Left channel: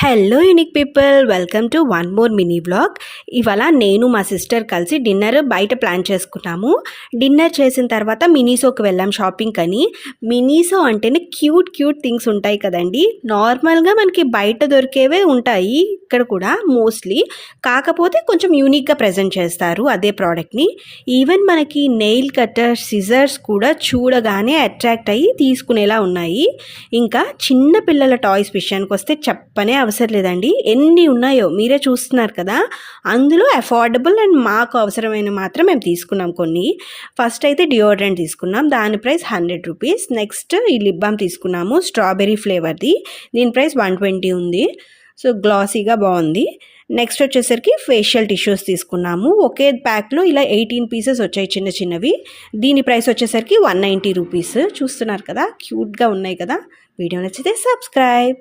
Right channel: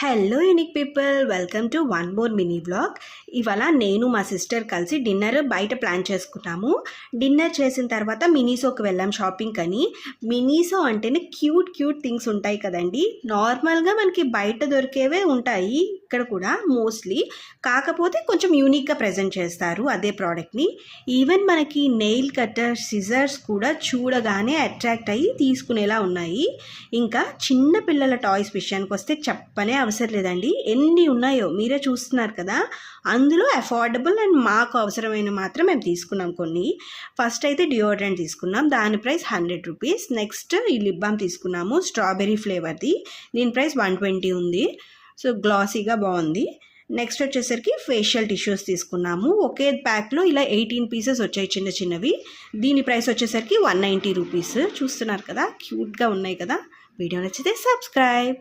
Hello unique people, welcome to one more mini vlog. ఇవాళ నేను మా సిస్టర్ కలిసి డిన్నర్ బయట ప్లాన్ చేసుకున్నాము. డిన్నర్ చేసిన తర్వాత మినీసోకి వెళ్ళాం షాపింగ్ అని. మినీసో అంటేనే క్యూట్ క్యూట్ థింగ్స్ ఉంటాయి కదండి. నార్మల్గా మనకి బయట దొరికేవే ఉంటాయి ఇక్కడ కూడా మోస్ట్లీ, కాకపోతే కొంచెం యూనిక్గా ప్రజెంట్ చేస్తారు అదే ప్రోడక్ట్ని. ఈవెన్ మనకి నెయిల్ కట్టర్, సిజర్స్ కూడా చూడగానే అట్రాక్ట్ అయ్యి తీసుకునేలా ఉన్నాయి. ఇంకా చిన్న పిల్లల టాయ్స్ విషయానికి వస్తే చెప్పనే అవసరం లేదండి. ఎన్ని ఉన్నాయో మీరే చూస్తున్నారు కదా. అందులో అఫోర్డబుల్ అండ్ మాకు అవసరమైన మాత్రం మేము తీసుకున్నాం కొన్ని. ఫస్ట్ అయితే డియోడ్రెంట్ తీసుకున్నాం, దాని ప్రైస్ 100 రూపీస్. నెక్స్ట్ ఈ లిప్ బామ్ తీసుకున్నాము, స్ట్రాబెర్రీ ఫ్లేవర్ది. దీని ప్రైస్ 120 ఉంది. సో గ్లాసీగా బాగుంది. నెక్స్ట్ వచ్చేసరికి ఫేషియల్ టిష్యూస్ తీసుకున్నాము. ఒకే ప్యాక్లో ఇలా 18 పీసెస్ వచ్చాయి చిన్న చిన్నవి. దీని ప్రైస్ వచ్చేసరికి 190 రూపీస్. చూస్తున్నారు కదా, క్యూట్గా ఉన్నాయి కదా. వీడియో నచ్చితే సబ్స్క్రైబ్.